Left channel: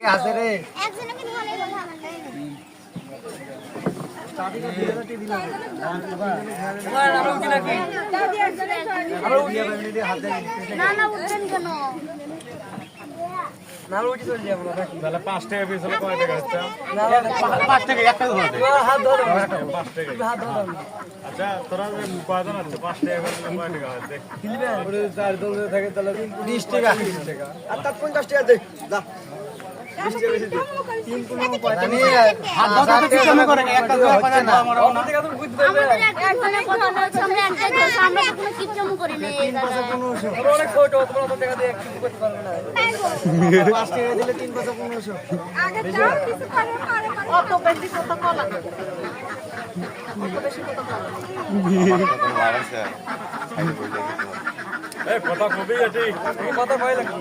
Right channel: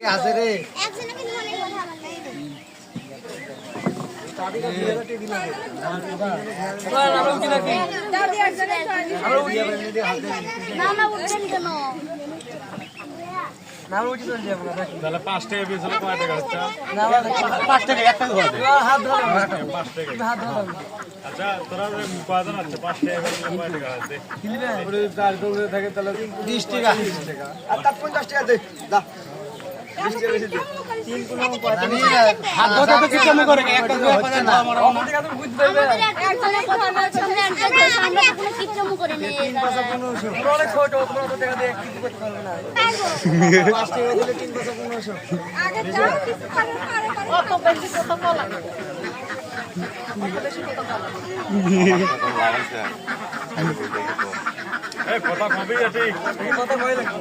আছে রে আচ্ছা তোরা কয়জন আছে 5 টাকা করে কয় টাকা আছে 4 জন থাকে তাহলে 20 টাকা আর তার 50 টাকা দে দা হাত ধরে তো কি কাম করে একটা দুই হাজার ধরা মারাও না আমাদের একটা ধরনের কথা বলছে আমরা একটা দোষ আমরা তো কোনো কিপচামু করি না এই দাদা অনেক ছোট তোমরা তো টাকা দিয়ে কিছু করতে পারবে না 5 টাকা দিলে 3 পয়সা 1500 আগে যাও কিছু করে অত বেশি কথা বলা অত বেশি কথা বলা এ কথা কবি আছে কত ভয় লাগে